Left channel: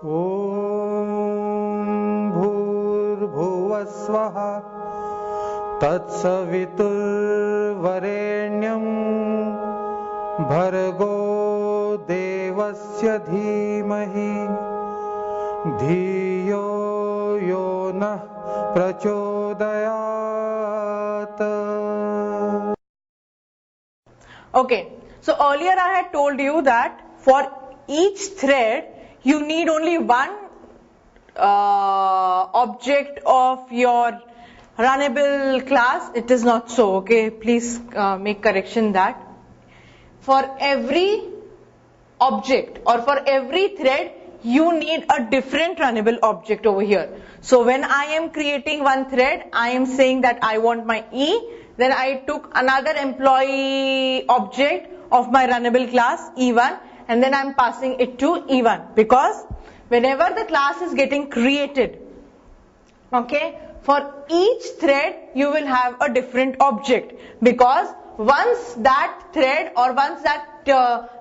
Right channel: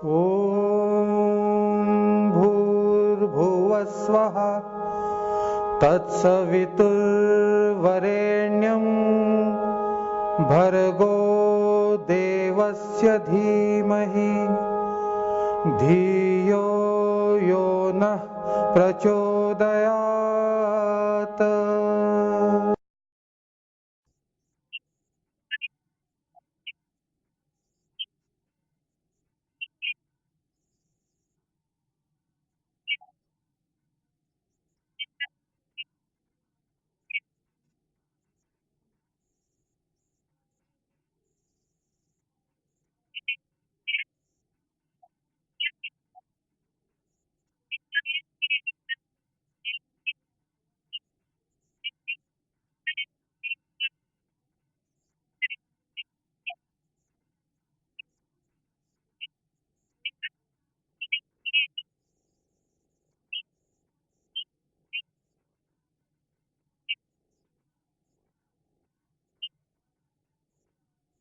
ॐ भूर्भुवस्वः तत्सवितुर्वरेण्यं भर्गो देवस्य धीमहि धियो यो नः प्रचोदयात्. Okay, so earlier I had told you that for each thread you need only one object of your runnable class. It is not so, okay? Please make correction that. For every object or for every thread you need a different runnable object over here. So when I am creating one thread, I am saying that I want my E, then I took another employee object of my runnable class E1 and then I am passing it to E1, because whenever the class is getting created, okay, for each thread you will have a different object, because once that thread or once that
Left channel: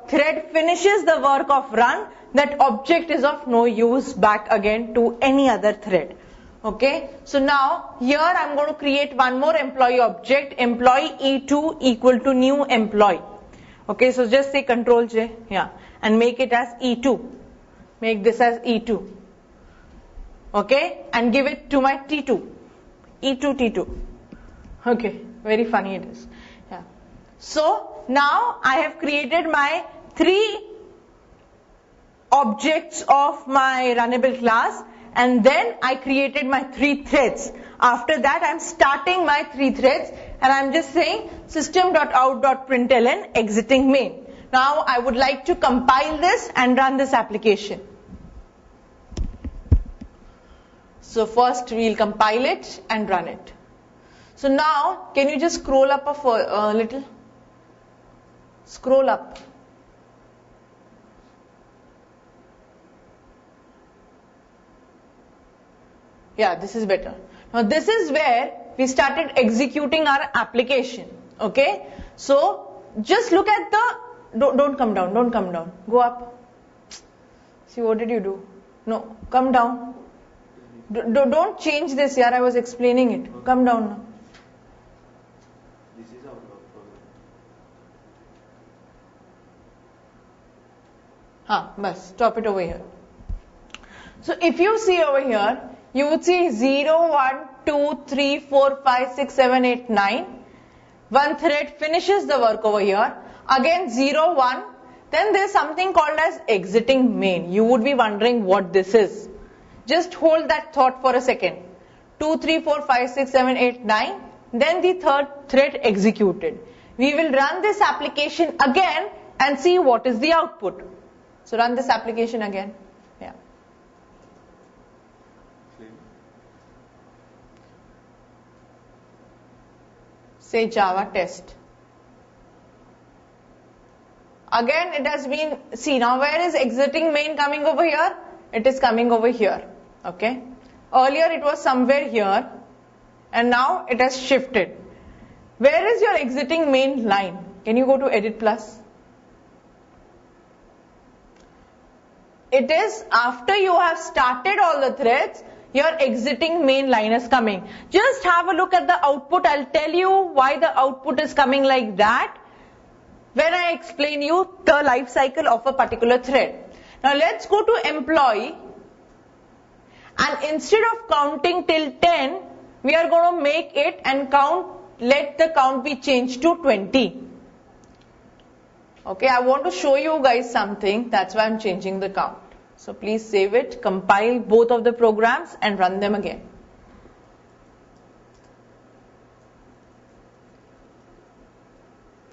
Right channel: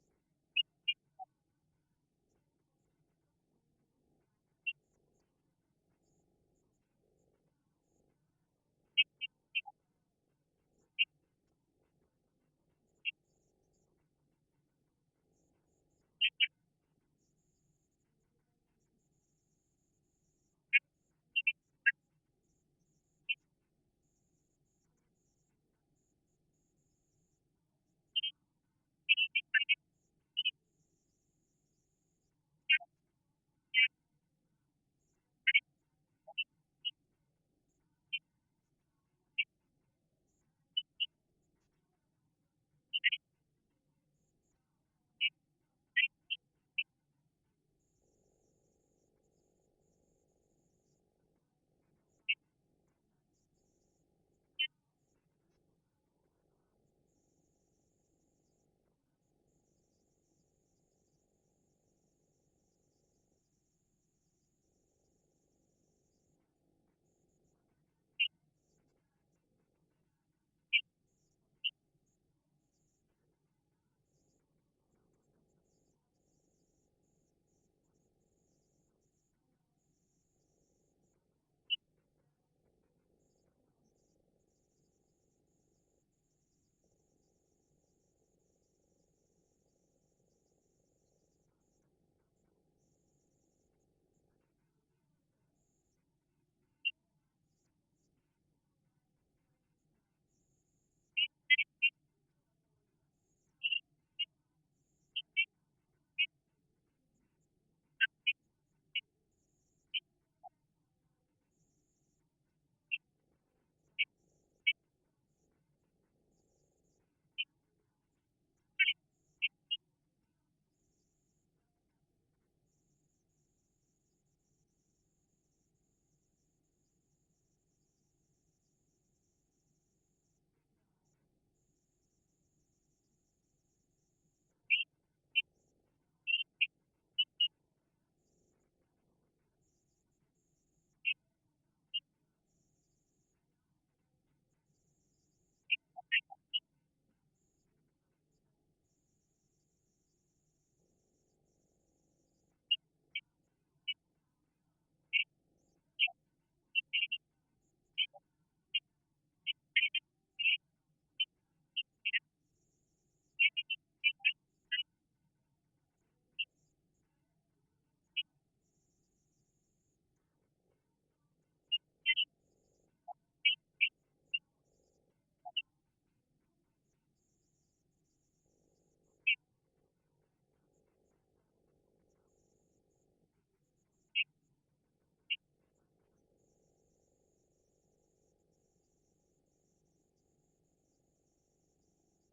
thread finishes the work of run, that object is of no use back again to any other thread. Okay, so now here I'm going to create one more employee object, employee E2 equal to new employee. Okay, so just say Control J, yeah, and make it as E2. Make this as E2. Okay, and give it to my T2. E2 T2. Okay, very funny it is. Yeah. So now I have created my three objects of my runnable class, and then I created my three threads. After that I'm starting my three threads and I'm just saying system.out.println exiting main. Now I would like to compile this and run this application. So first we'll compile it and run it. So now can you just scroll up a little? Scroll up. Yeah, this is better. Now this is where we started executing our application. Okay, so just look at the, don't come down, don't come down, go up. See, what did you do? No, come down. Don't change this, yaar, I was explaining it. Come down now. This is our program. Bas, stop it over here. So if you see over here, you would see 0, 1, 2, 3, 4, 5, 6, 7, 8, 9. One thread finishes the work over here. Again 0, 1. Then there is something called as exiting main. You would be wondering what this is. Just hold that thought for a second. 2, 3, 4, 5, 6, 7, 8, 9. Then the third thread executed. We will run this application again and see what is the output. So run this application again. Yeah. Say Java test. Again it has been, see now where is exiting main coming over here? It is coming over here. Okay. Earlier it was somewhere here and now it has shifted. Where is your exiting main line? Can you go to Edit Plus? It is after you have started all the threads, your exiting main line is coming. Just have a look at the output. I'll tell you why the output is coming like that when I explain you the life cycle of a particular thread. Now let's go to employee, and instead of counting till 10, we are going to make it and count, let the count be changed to 20. Okay, I want to show you guys something, that's why I'm changing the count. So please save it, compile both of the programs and run them again.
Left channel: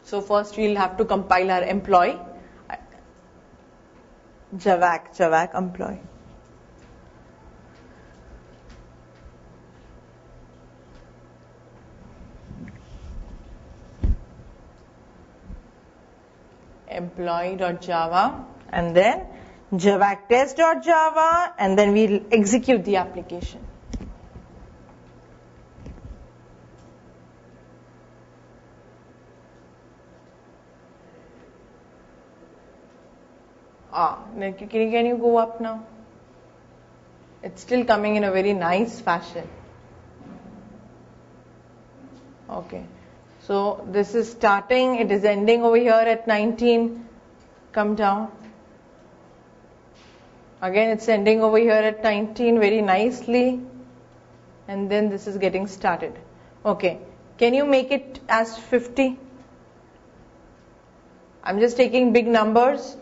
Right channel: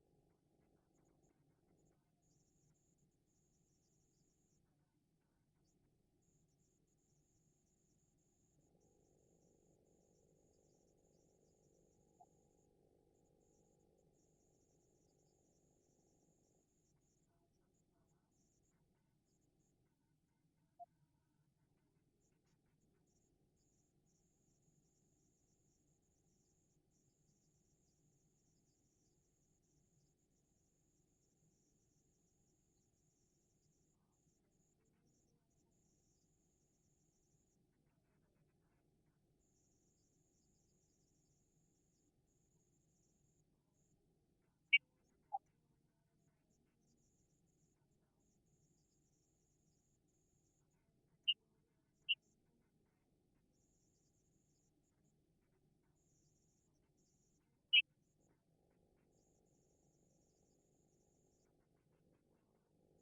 So first we'll have to compile our employee. Javac employee. Employee.java and then javactest.java, and then we'll execute the application. Can you go up now? It's still coming in a very nice fashion. Okay. So this is starting, it is ending over here at 19. Come down. Again, it's ending over here at 19 very nicely. And then this is getting started. Okay. Can you make it as 50? I'm just taking big numbers.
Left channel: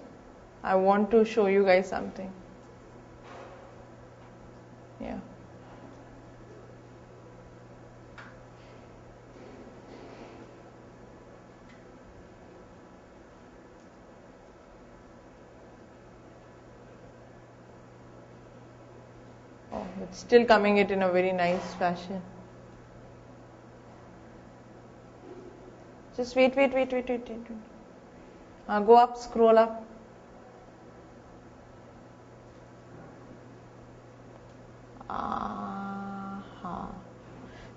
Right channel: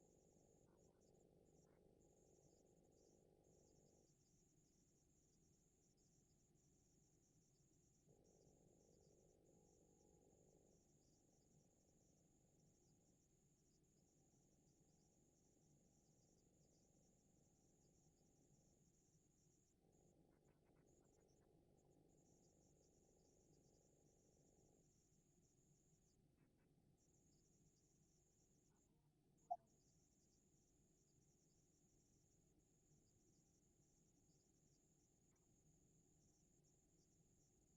I want to show you guys something. Yeah. Oh, it's still coming it in a very nice fashion. Just wait. Go up, scroll up.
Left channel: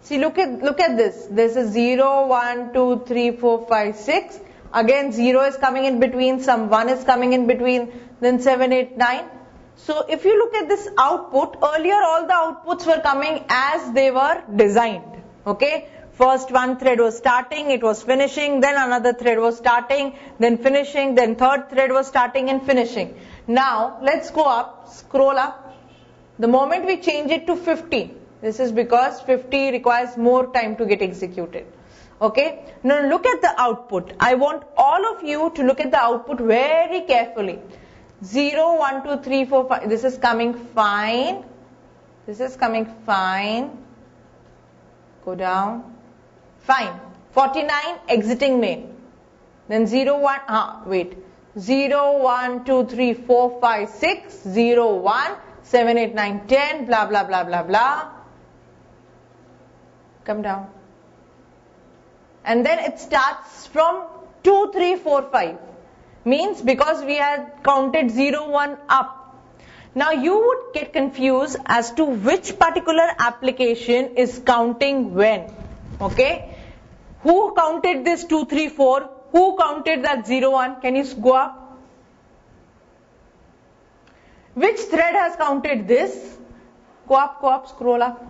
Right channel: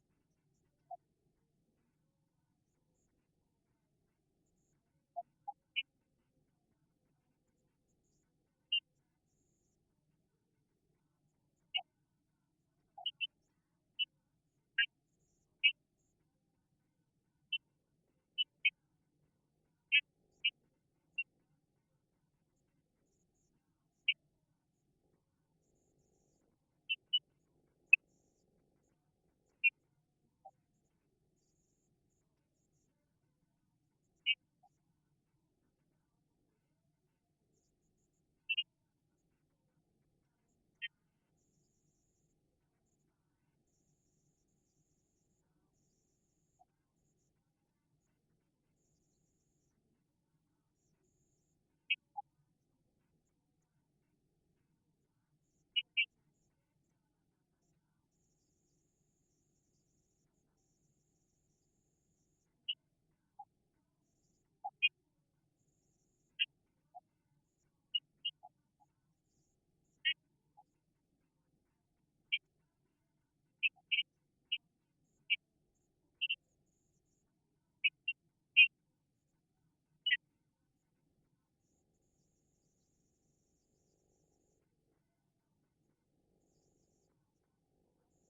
See, look at this. This is 0, 1, 2, 3, 4, 5, 6. Again, 0 is coming in between, some 1 is coming in between, then 7, 8, 9. So if you look at this output, earlier all the outputs were coming as they were designed. Okay? First one thread was starting, it was finishing, then another thread was starting, then finishing, then third thread was starting and finishing. Now, let's go up, scroll up. The moment we change it to 50, this is because 50 requires more time to get executed. Okay? Now look at the output. I want all of you to look at the output very carefully. 0, 1, 2, 3, 4, 5. This is coming fine. This is coming fine. Go down. Fine. 49 exiting main. Then 0, 1. Wait. 0, 1, 2, 3, 4, 5, 6. 0, 1. 7, 8, 9, 10. Blah, blah, blah, blah, blah. Come down. And then it starts from 2, 3, 4, 5. Means because we had counted 0, 1 up. Now you would get confused as to which particular application is counting when. Okay? Who counted this 2, 3, 4? Who counted that 0, 1? Can you go up? Which thread has counted this? Go up, scroll up.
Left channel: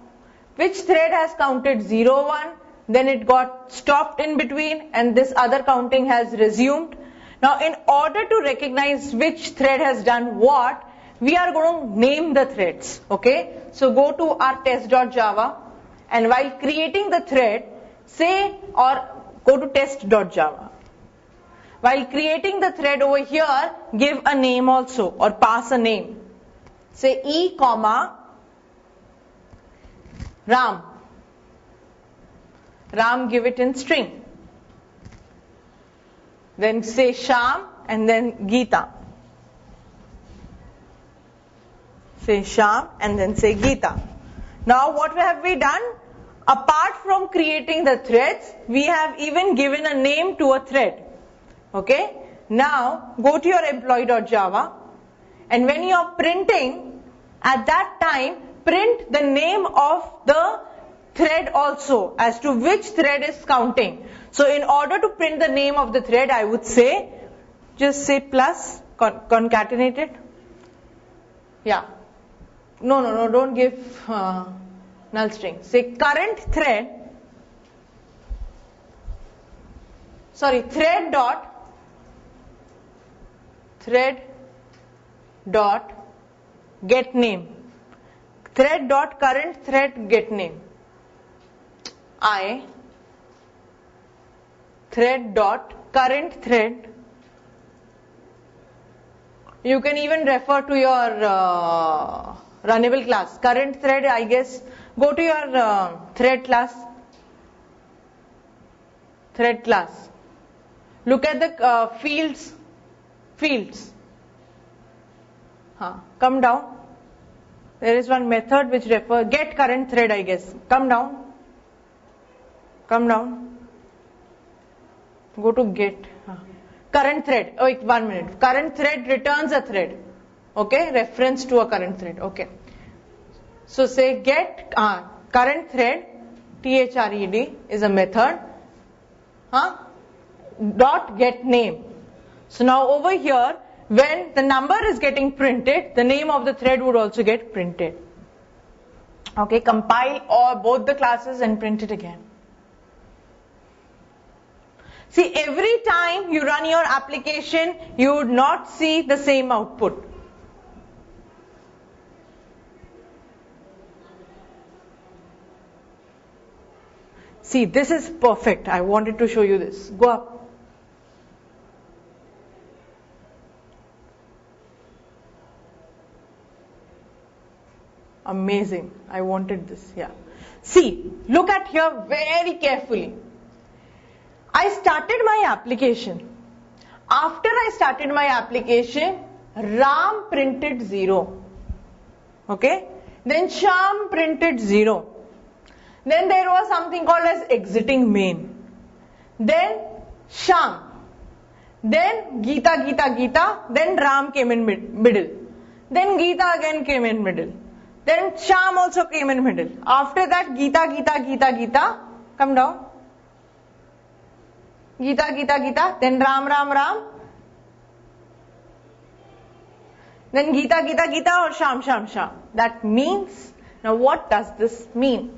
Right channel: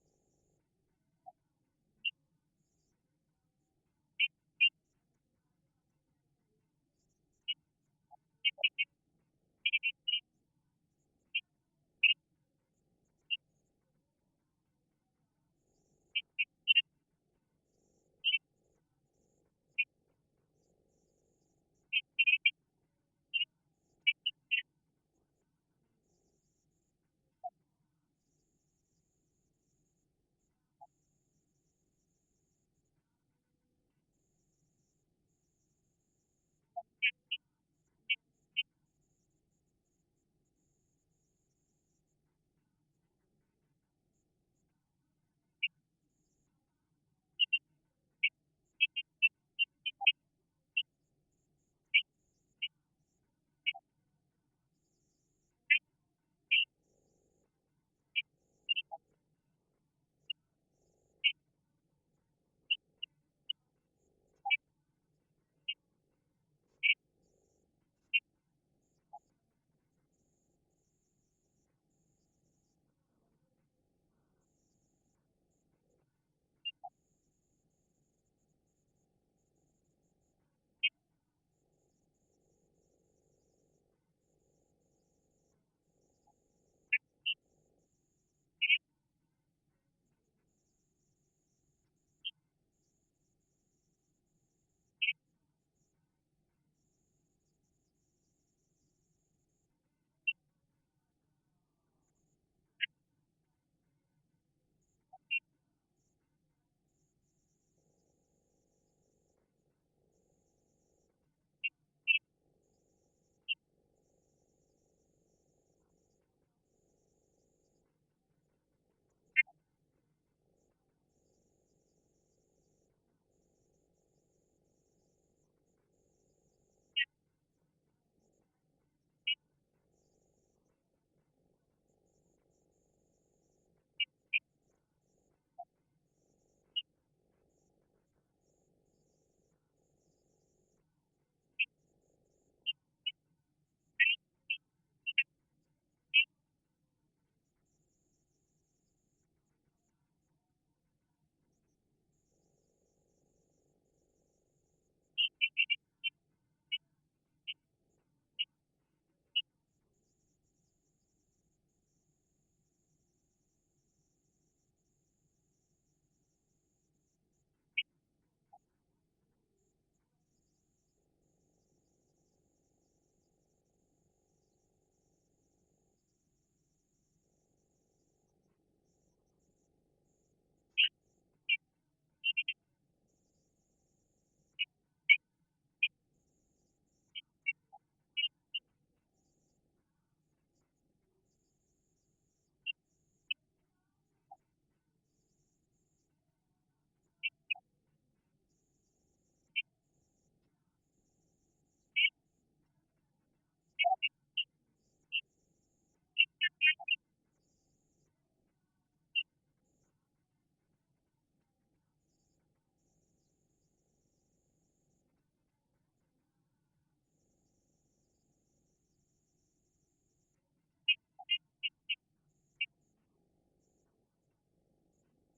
Which thread has counted 0, 1? Then it got stopped in between and this other counting has resumed. Now in order to recognize which thread has done what, we are going to name the threads. Okay? So go to our test.java and while creating the thread, say or go to test.java. While creating the thread over here, give a name also or pass a name. Say E, Ram. Ram, give it in string. Then say Sham and then Geeta. Say Sham and then say Geeta. Now what have we done? Apart from creating the threads, we have even given a name to a thread. Okay? Now go to your employee.java and when you are printing, at that time print the name of the thread also as to which thread is counting. So in order to print the name of the thread, I would say, just say plus, concatenate it. Yeah. No, don't give null string. Say current thread, thread dot get name. Thread dot current thread get name. I thread dot current thread. You can even refer to your runnable class. Current thread, I guess. Go to your thread class. Thread class. Look at the fields. Come down. There is one method which refers get current thread, I guess. Come down. Go to get. Current thread. Oh, wait, 1 minute. Current thread returns a thread. Okay, reference to a current thread. Okay. So say get current thread, thread is a method. Dot get name. So now over here, when the number is getting printed, the name of the thread would also get printed. Okay, compile all both the classes and print it again. See, every time you run your application, you would not see the same output. See, this is perfect. I wanted to show you this. Go up. Amazing. I wanted this. Yeah. See, look at here very carefully. I started my application. After I started my application, Ram printed 0. Okay? Then Sham printed 0. Then there was something called as exiting main. Then Sham. Then Geeta. Then Ram came in middle. Then Geeta again came in middle. Then Sham also came in middle. After that, Geeta. Come down. Geeta. Then Ram. Then Geeta or Sham. That means, now what does this mean?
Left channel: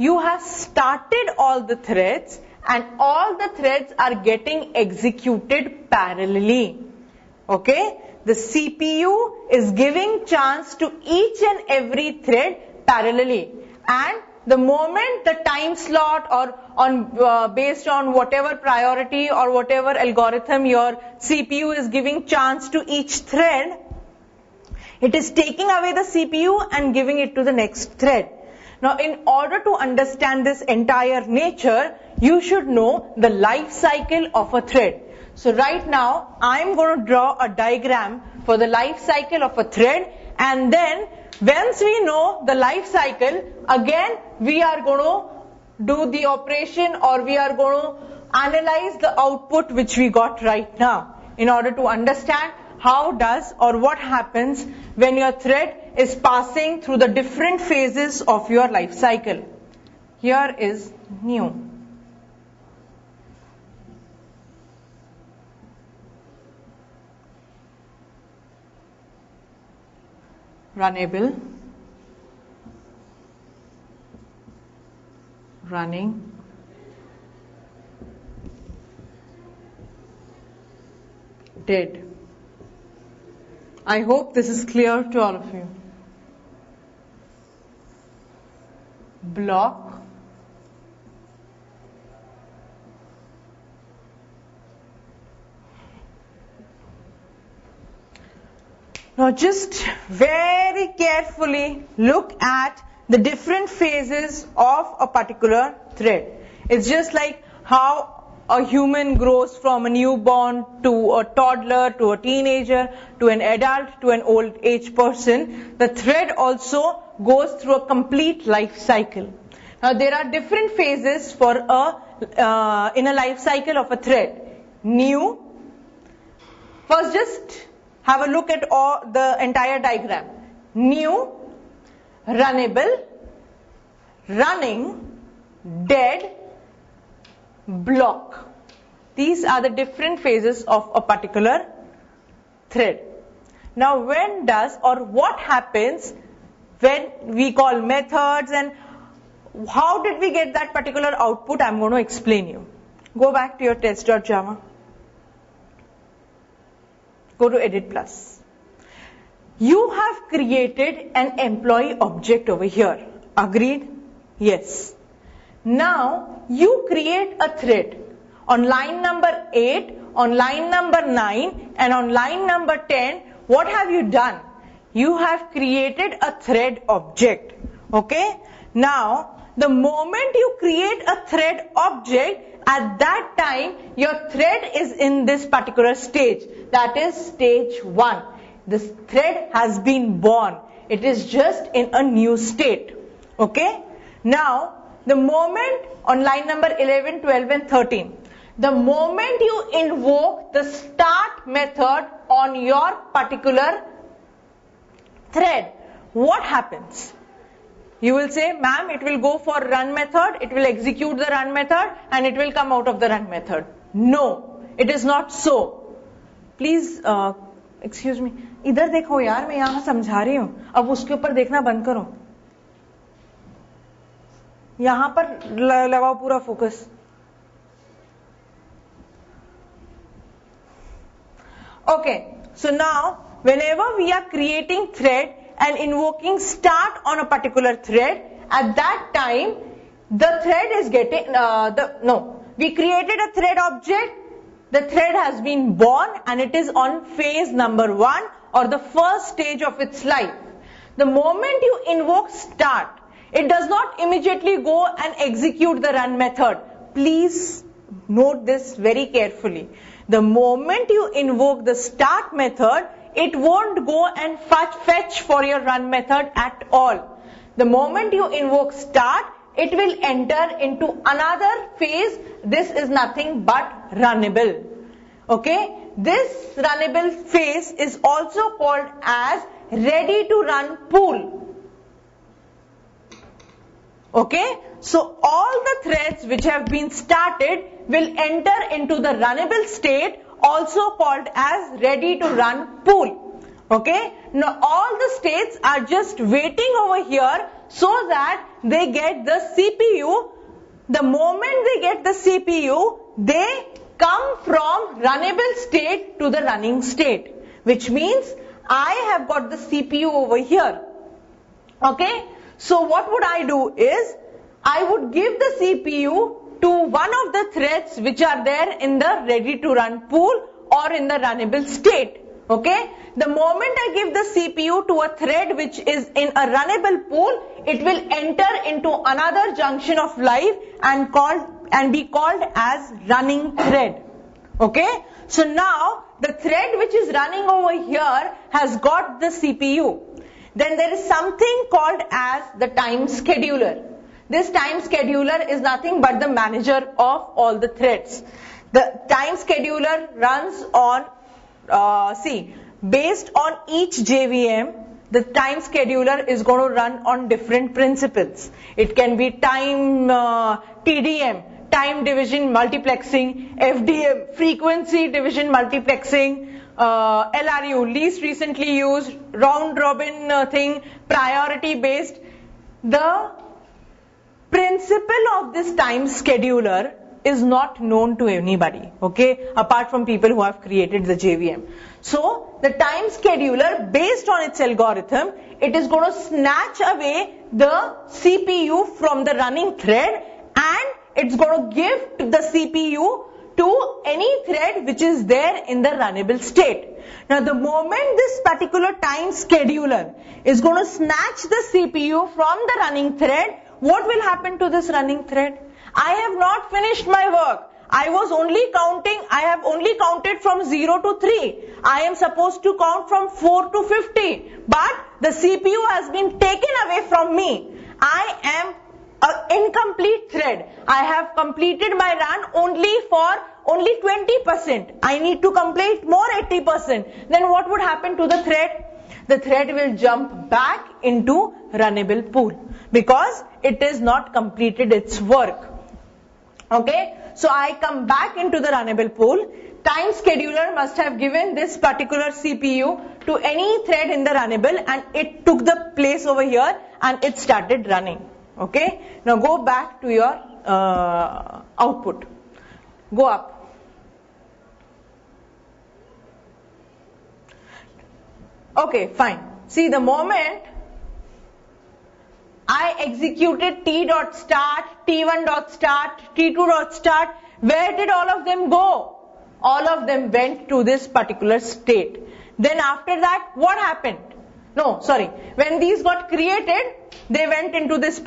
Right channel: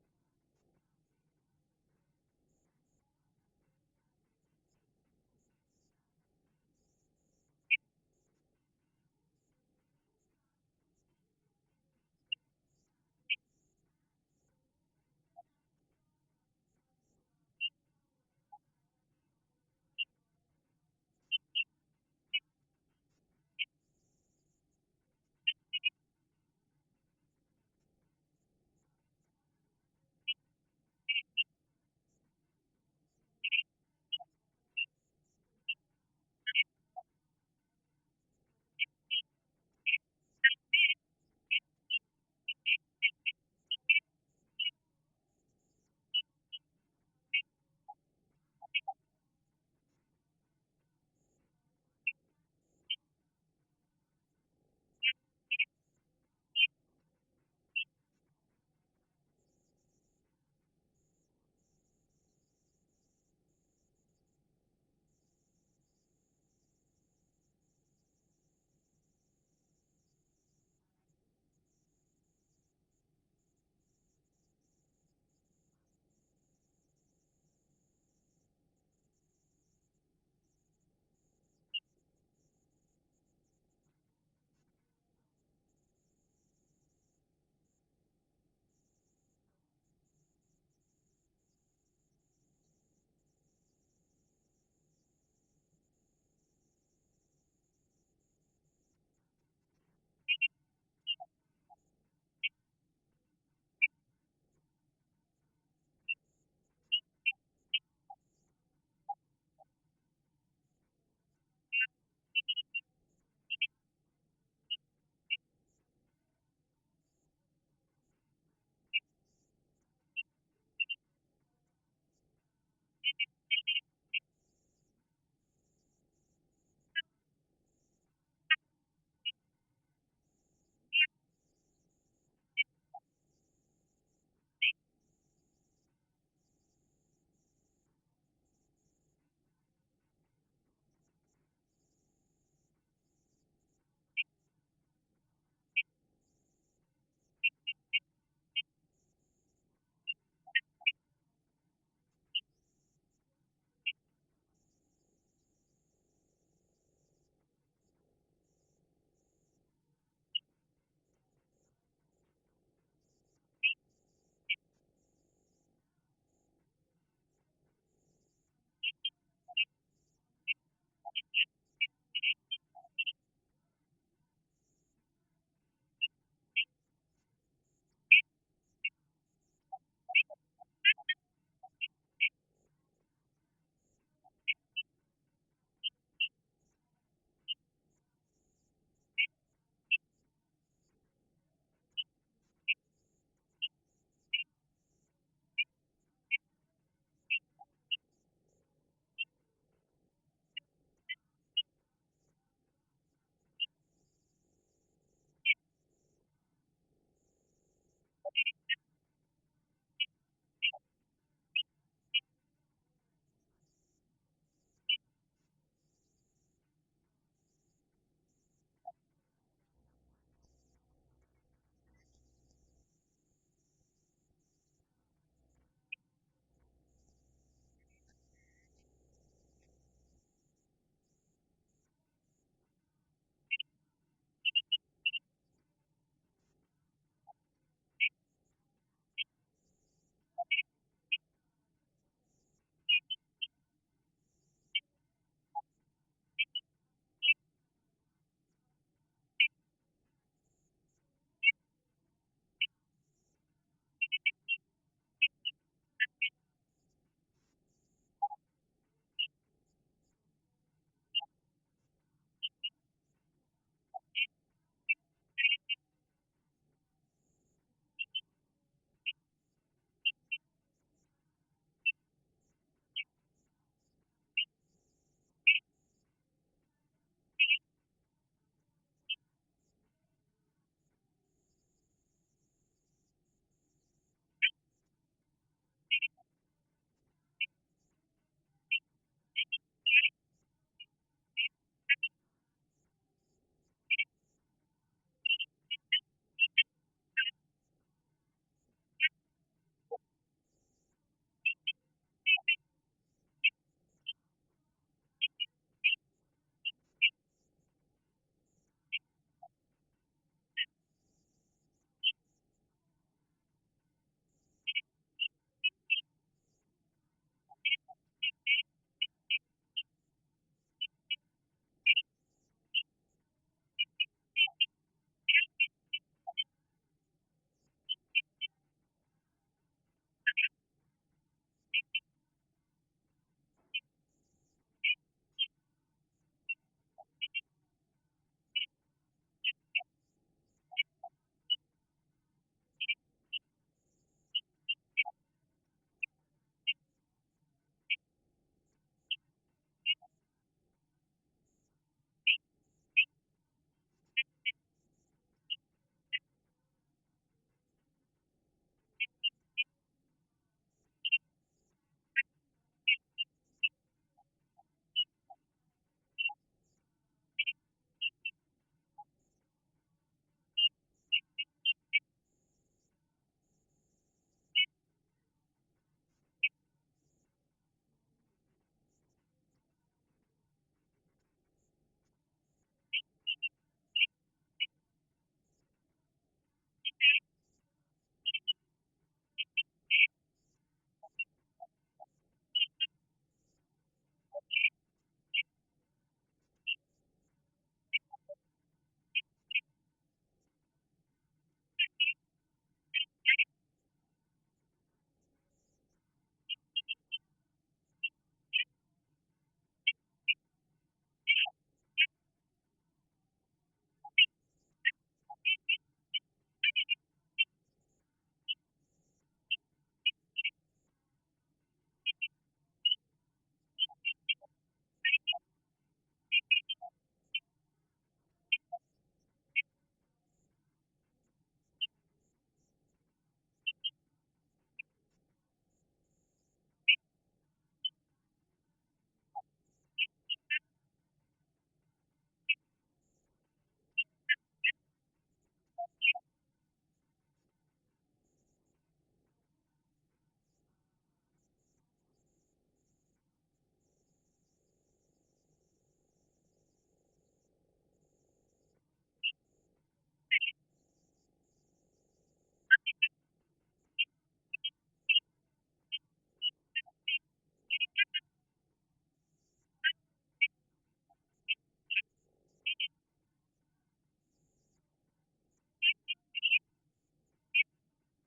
You have started all the threads and all the threads are getting executed parallelly. Okay? The CPU is giving chance to each and every thread parallelly. And the moment the time slot or based on whatever priority or whatever algorithm your CPU is giving chance to each thread, it is taking away the CPU and giving it to the next thread. Now, in order to understand this entire nature, you should know the life cycle of a thread. So right now, I'm going to draw a diagram for the life cycle of a thread, and then once we know the life cycle, again we are going to do the operation, or we are going to analyze the output which we got right now in order to understand how does or what happens when your thread is passing through the different phases of your life cycle. Here is new. Runnable, running, dead. I hope this is clear to all of you. Block, now just very carefully look at the different phases of a particular thread. It's just like how a human grows from a newborn to a toddler to a teenager to an adult to an old age person. The thread also goes through a complete life cycle. Now there are different phases for in a life cycle of a thread. New. First, just have a look at the entire diagram. New, runnable, running, dead, block. These are the different phases of a particular thread. Now when does or what happens when we call methods and how did we get that particular output? I'm going to explain you. Go back to your test.java. Go to Edit Plus. You have created an employee object over here. Agreed? Yes. Now you create a thread on line number 8, on line number 9 and on line number 10. What have you done? You have created a thread object. Okay? Now the moment you create a thread object, at that time your thread is in this particular stage. That is stage 1. This thread has been born. It is just in a new state. Okay? Now the moment on line number 11, 12 and 13, the moment you invoke the start method on your particular thread, what happens? You will say, ma'am, it will go for run method, it will execute the run method and it will come out of the run method. No, it is not so. Please, excuse me, इधर देखो यार, मैं यहाँ समझा रही हूँ, अब उसके ऊपर देखना बंद करो. यहां पर लगाओ पूरा focus. Okay, so now whenever we are creating thread and invoking start on a particular thread, at that time the thread is getting we created a thread object, the thread has been born and it is on phase number 1 or the first stage of its life. The moment you invoke start, it does not immediately go and execute the run method. Please note this very carefully. The moment you invoke the start method, it won't go and fetch for your run method at all. The moment you invoke start, it will enter into another phase. This is nothing but runnable. Okay? This runnable phase is also called as ready to run pool. Okay? So all the threads which have been started will enter into the runnable state, also called as ready to run pool. Okay? Now all the states are just waiting over here so that they get the CPU. The moment they get the CPU, they come from runnable state to the running state, which means I have got the CPU over here. Okay? So what would I do is, I would give the CPU to one of the threads which are there in the ready to run pool or in the runnable state. Okay? The moment I give the CPU to a thread which is in a runnable pool, it will enter into another junction of life and be called as running thread. Okay? So now the thread which is running over here has got the CPU. Then there is something called as the time scheduler. This time scheduler is nothing but the manager of all the threads. The time scheduler runs on, based on each JVM, the time scheduler is going to run on different principles. It can be time TDM, time division multiplexing, FDM, frequency division multiplexing, LRU, least recently used, round robin thing, priority based. The principle of this time scheduler is not known to anybody, okay, apart from people who have created the JVM. So the time scheduler, based on its algorithm, it is going to snatch away the CPU from the running thread and it's going to give the CPU to any thread which is there in the runnable state. Now the moment this particular time scheduler is going to snatch the CPU from the running thread, what will happen to this running thread? I have not finished my work. I have only counted from 0 to 3. I am supposed to count from 4 to 50. But the CPU has been taken away from me. I am an incomplete thread. I have completed my run only 20%. I need to complete more 80%. Then what would happen to the thread? The thread will jump back into runnable pool because it is not completed its work. Okay, so I come back into the runnable pool. Time scheduler must have given this particular CPU to any thread in the runnable and it took the place over here and it started running. Okay, now go back to your output. Go up. Okay, fine. See, the moment I executed t.start, t1.start, t2.start, where did all of them go? All of them went to this particular state. Then after that, what happened? No, sorry. When these got created, they went into this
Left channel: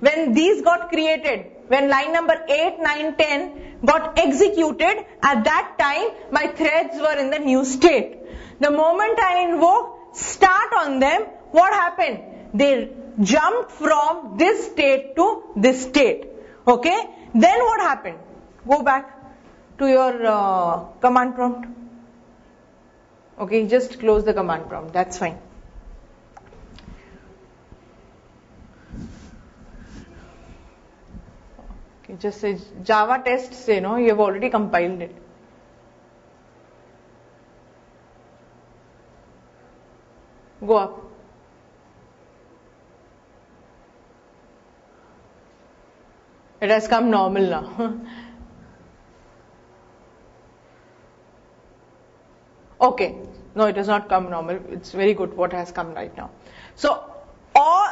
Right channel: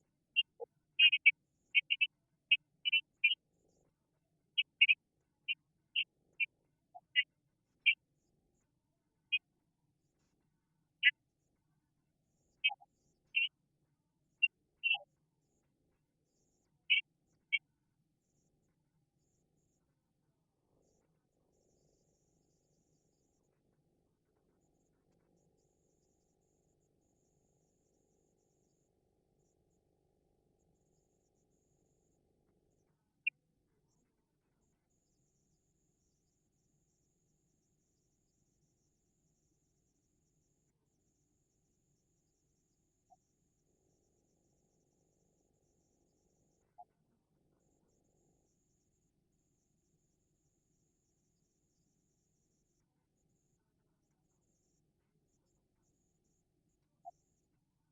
when these got created, when line number 8, 9, 10 got executed, at that time, my threads were in the new state. The moment I invoke start on them, what happened? They jumped from this state to this state. Okay? Then what happened? Go back to your command prompt. Okay, just close the command prompt. That's fine. Okay, just say Java test say no, you have already compiled it. Go up. It has come normal now. Okay. No, it has not come normal. It's very good what has come right now. So,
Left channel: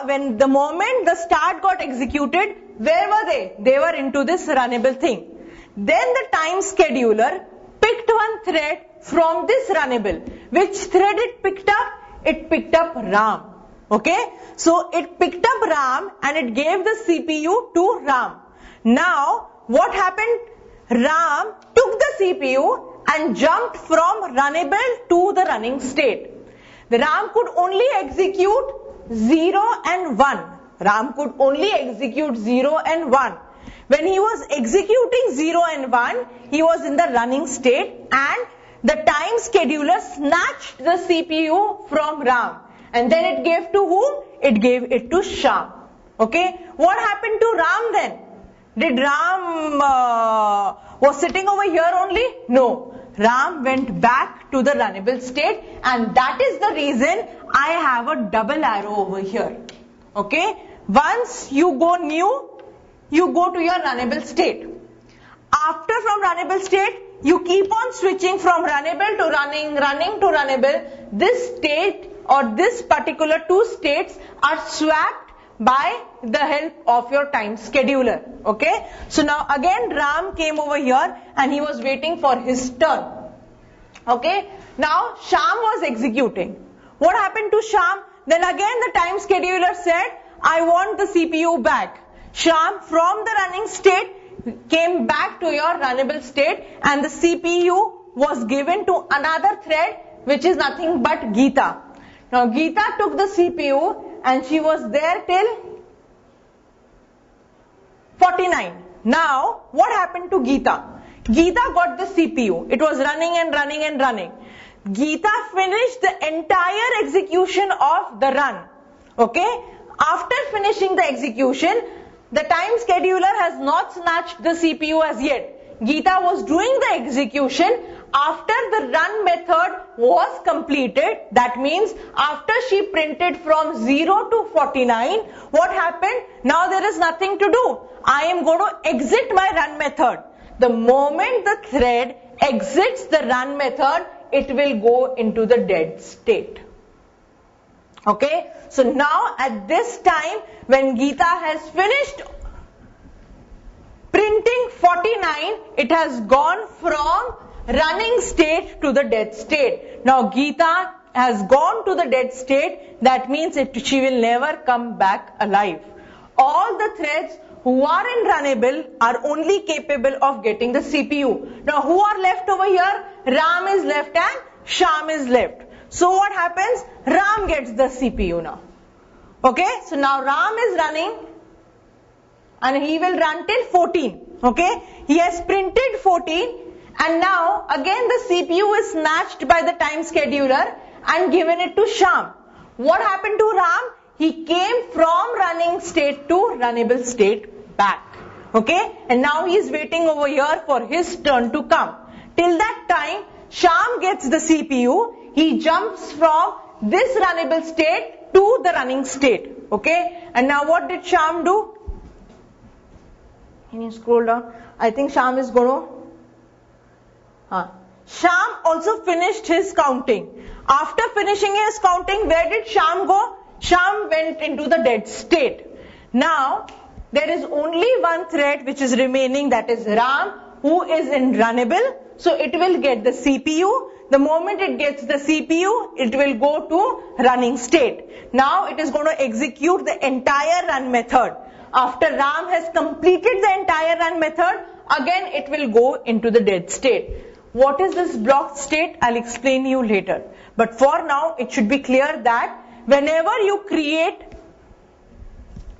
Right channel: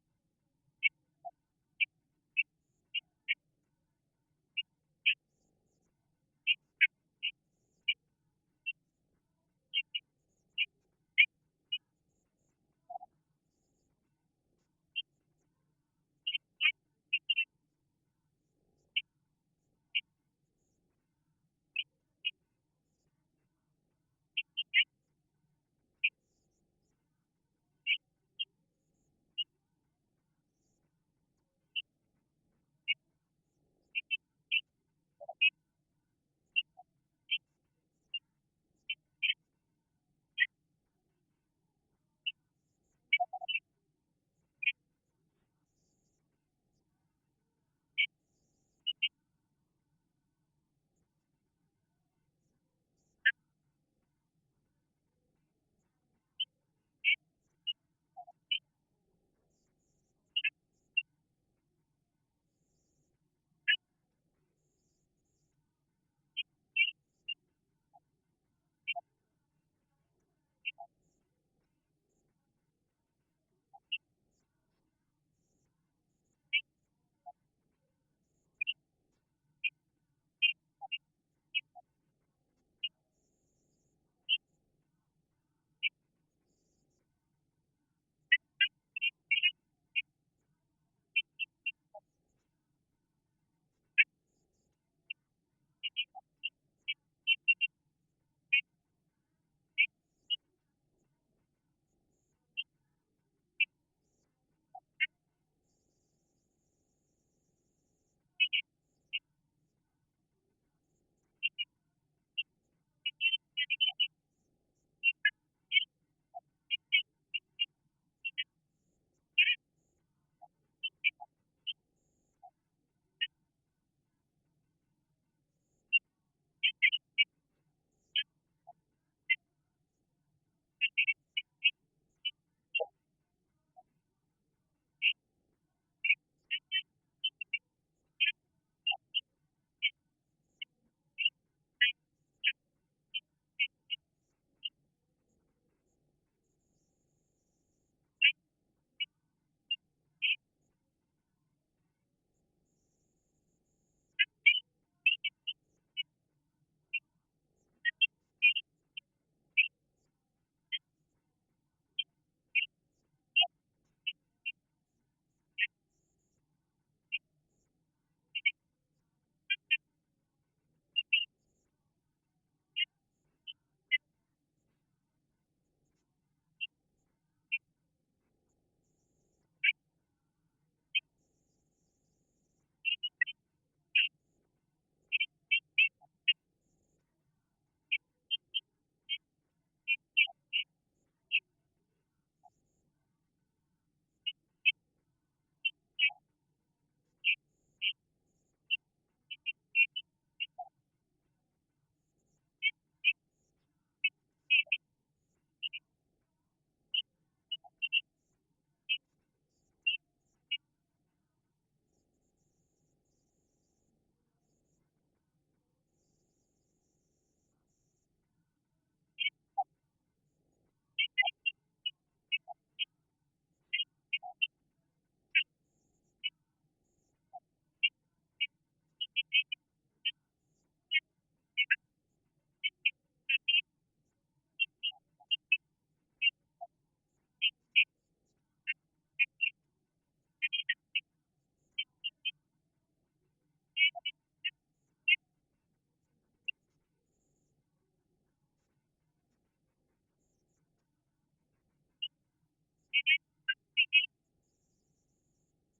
when the moment the start got executed, where were they? They were into this runnable thing. Then the time scheduler picked one thread from this runnable. Which thread it picked up? It picked up RAM. Okay? So it picked up RAM and it gave the CPU to RAM. Now, what happened? RAM took the CPU and jumped from runnable to the running state. The RAM could only execute 0 and 1. RAM could only execute 0 and 1. When he was executing 0 and 1, he was in the running state and the time scheduler snatched the CPU from RAM. And then it gave to whom? It gave it to Sham. Okay? What happened to RAM then? Did RAM was sitting over here only? No. RAM went back to the runnable state, and that is the reason I have a double arrow over here. Okay? Once you go new, you go to your runnable state. After from runnable state, you keep on switching from runnable to running to runnable. This state or this particular two states are swapped by the help of your time scheduler. Okay? So now again Ram came over here and he was waiting for his turn. Okay? Now Sham was executing. What happened to Sham? Then again the time scheduler said, I want the CPU back. Sham from the running state came back to your runnable state and the CPU was given to another thread which is nothing but Geeta. Now Geeta took the CPU and she was there till 49. Now what happened to Geeta? Geeta got the CPU. It was running and running and running. Geeta finished the entire execution of the run. Okay? After finishing the execution, the time scheduler has not snatched the CPU as yet. Geeta was doing the execution after the run method was completed. That means after she printed from 0 to 49, what happened? Now there is nothing to do. I am going to exit my run method. The moment the thread exits the run method, it will go into the dead state. Okay? So now at this time, when Geeta has finished printing 49, it has gone from running state to the dead state. Now Geeta has gone to the dead state. That means she will never come back alive. All the threads who are in runnable are only capable of getting the CPU. Now who are left over here? Ram is left and Sham is left. So what happens? Ram gets the CPU now. Okay, so now Ram is running and he will run till 14. Okay, he has printed 14 and now again the CPU is snatched by the time scheduler and given it to Sham. What happened to Ram? He came from running state to runnable state back. Okay, and now he is waiting over here for his turn to come. Till that time, Sham gets the CPU. He jumps from this runnable state to the running state. Okay, and now what did Sham do? Can you scroll down? I think Sham is going to... Sham also finished his counting. After finishing his counting, where did Sham go? Sham went into the dead state. Now, there is only one thread which is remaining, that is Ram, who is in runnable. So it will get the CPU. The moment it gets the CPU, it will go to running state. Now it is going to execute the entire run method. After Ram has completed the entire run method, again it will go into the dead state. What is this blocked state? I'll explain you later. But for now, it should be clear that whenever you create,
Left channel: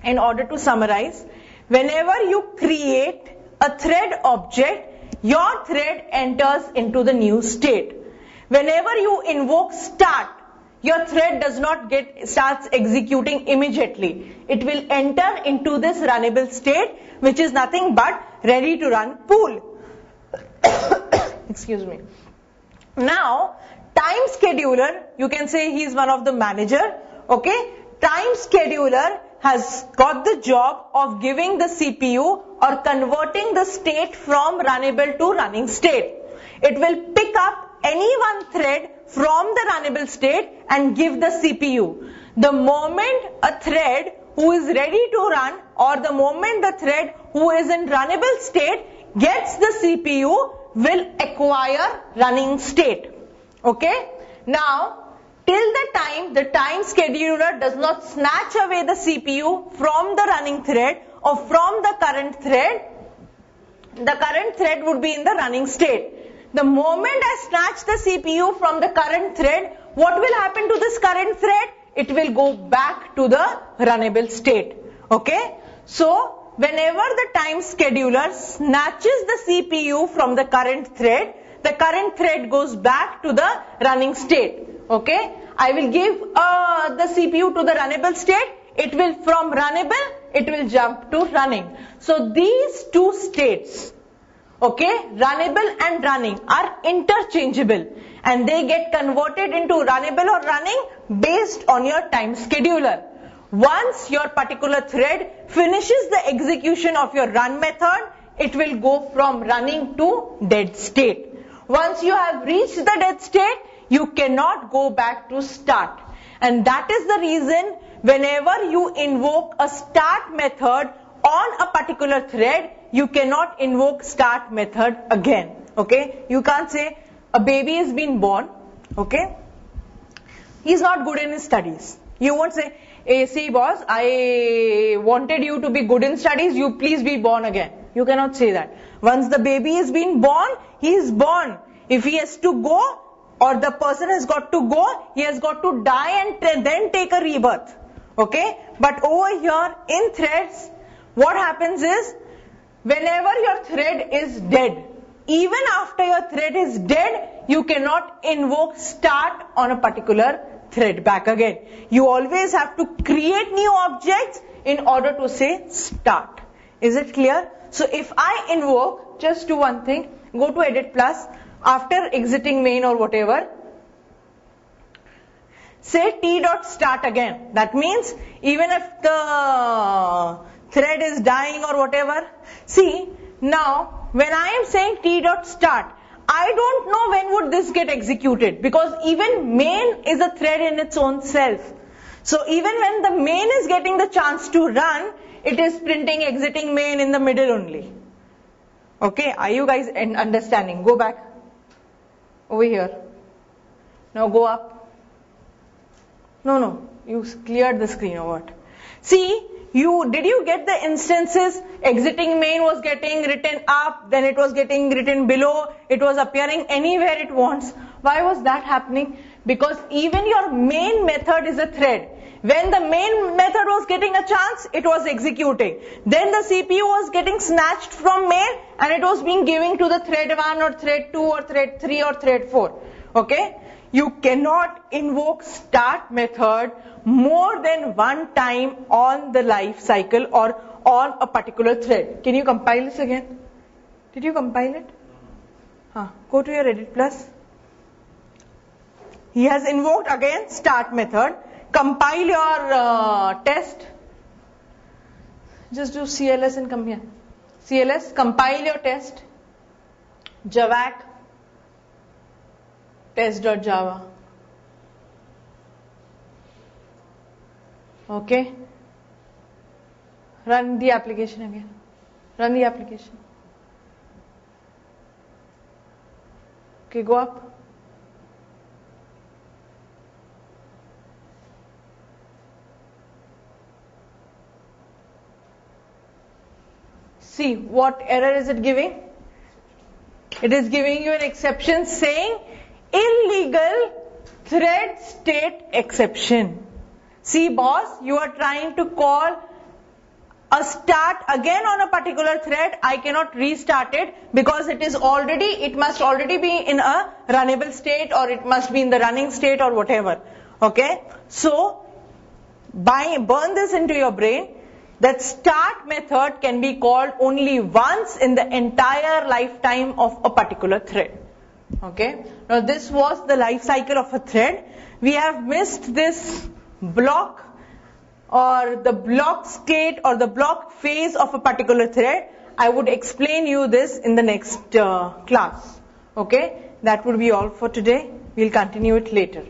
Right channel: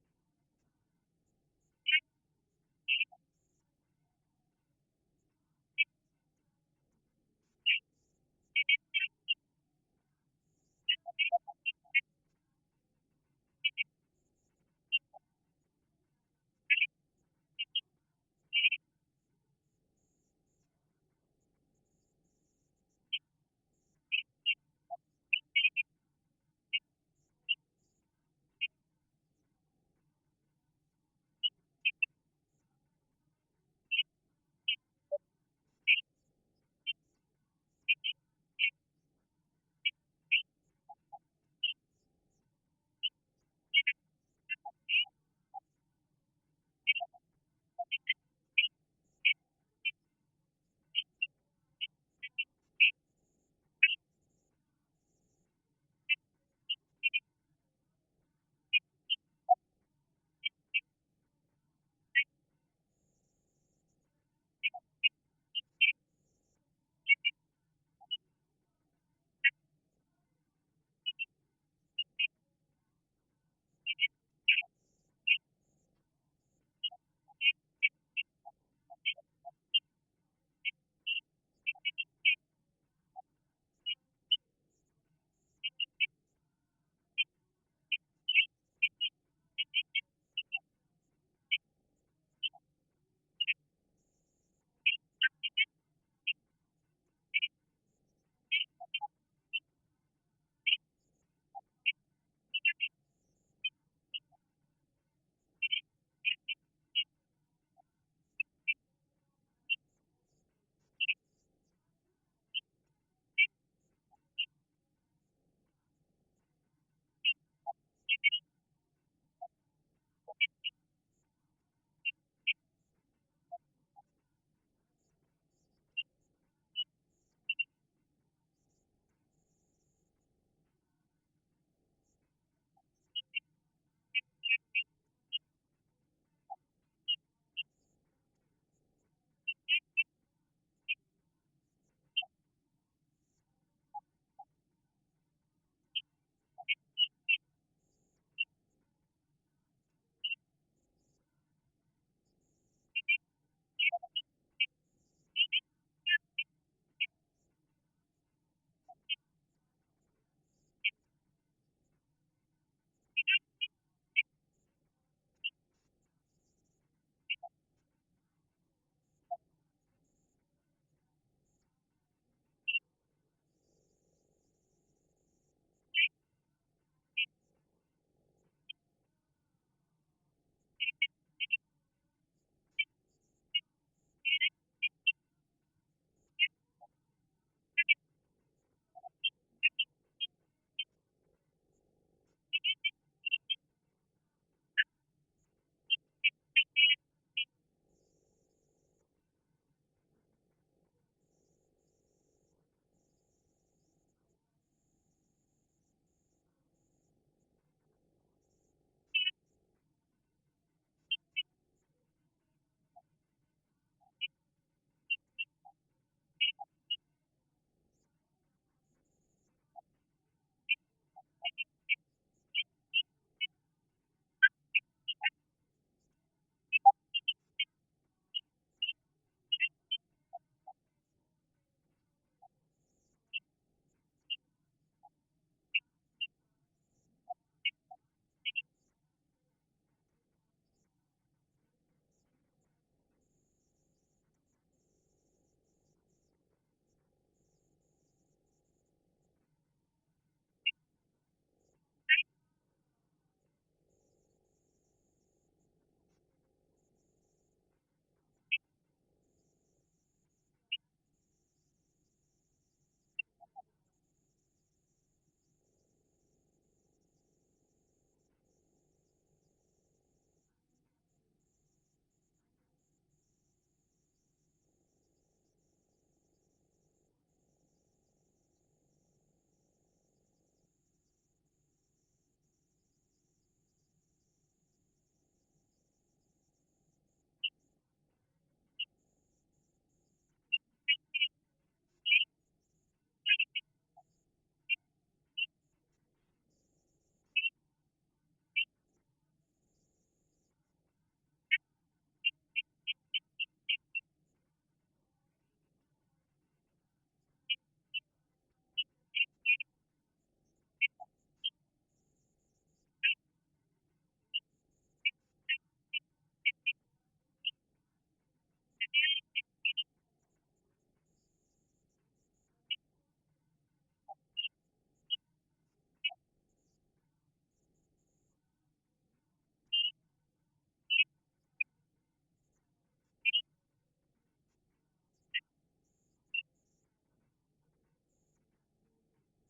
in order to summarize, whenever you create a thread object, your thread enters into the new state. Whenever you invoke start, your thread does not starts executing immediately. It will enter into this runnable state, which is nothing but ready to run pool. Excuse me. Now, time scheduler, you can say he is one of the manager. Okay, time scheduler has got the job of giving the CPU or converting the state from runnable to running state. It will pick up any one thread from the runnable state and give the CPU. The moment a thread who is ready to run, or the moment the thread who is in runnable state gets the CPU, will acquire running state. Okay? Now, till the time scheduler does not snatch away the CPU from the running thread or from the current thread would be in the running state. The moment I snatch the CPU from the current thread, what will happen to this current thread? It will go back to the runnable state. Okay? So, whenever the time scheduler snatches the CPU from the current thread goes back to the running state. Okay? I will give the CPU to the runnable state. It will, from runnable, it will jump to running. So, these two states, okay, runnable and running, are interchangeable, and they get converted into runnable or running based on your time scheduler. Once your particular thread finishes the execution of your run method, it will go from running to dead state. Once you have reached the dead state, you cannot go back to start. And that is the reason whenever you invoke a start method on a particular thread, you cannot invoke start method again. Okay? You can't say a baby is being born. Okay? He's not good in his studies. You won't say, hey, see boss, I wanted you to be good in studies, you please be born again. You cannot say that. Once the baby is being born, he is born. If he has to go, or the person has got to go, he has got to die and then take a rebirth. Okay? But over here in threads, what happens is, whenever your thread is dead, even after your thread is dead, you cannot invoke start on a particular thread back again. You always have to create new objects in order to say start. Is it clear? So if I invoke, just do one thing, go to edit plus, after exiting main or whatever, say t.start again. That means even if the thread is dying or whatever, see, now when I am saying t.start, I don't know when would this get executed, because even main is a thread in its own self. So even when the main is getting the chance to run, it is printing exiting main in the middle only. Okay, are you guys understanding? Go back over here. Now go up. No, you cleared the screen or what? See, did you get the instances? Exiting main was getting written up, then it was getting written below, it was appearing anywhere it wants. Why was that happening? Because even your main method is a thread. When the main method was getting a chance, it was executing. Then the CPU was getting snatched from main and it was being given to the thread 1 or thread 2 or thread 3 or thread 4. Okay? You cannot invoke start method more than one time on the life cycle or on a particular thread. Can you compile this again? Did you compile it? Go to your edit plus. He has invoked again start method. Compile your test. Just do CLS and come here. CLS, compile your test. Javac test.java. Okay. Run the application again. Run the application. Okay, go up. See, what error is it giving? It is giving you an exception saying illegal thread state exception. See boss, you are trying to call a start again on a particular thread. I cannot restart it because it must already be in a runnable state, or it must be in the running state or whatever. Okay? So, burn this into your brain. That start method can be called only once in the entire lifetime of a particular thread. Okay? Now this was the life cycle of a thread. We have missed this block or the block state or the block phase of a particular thread, I would explain you this in the next class. Okay, that would be all for today. We'll continue it later.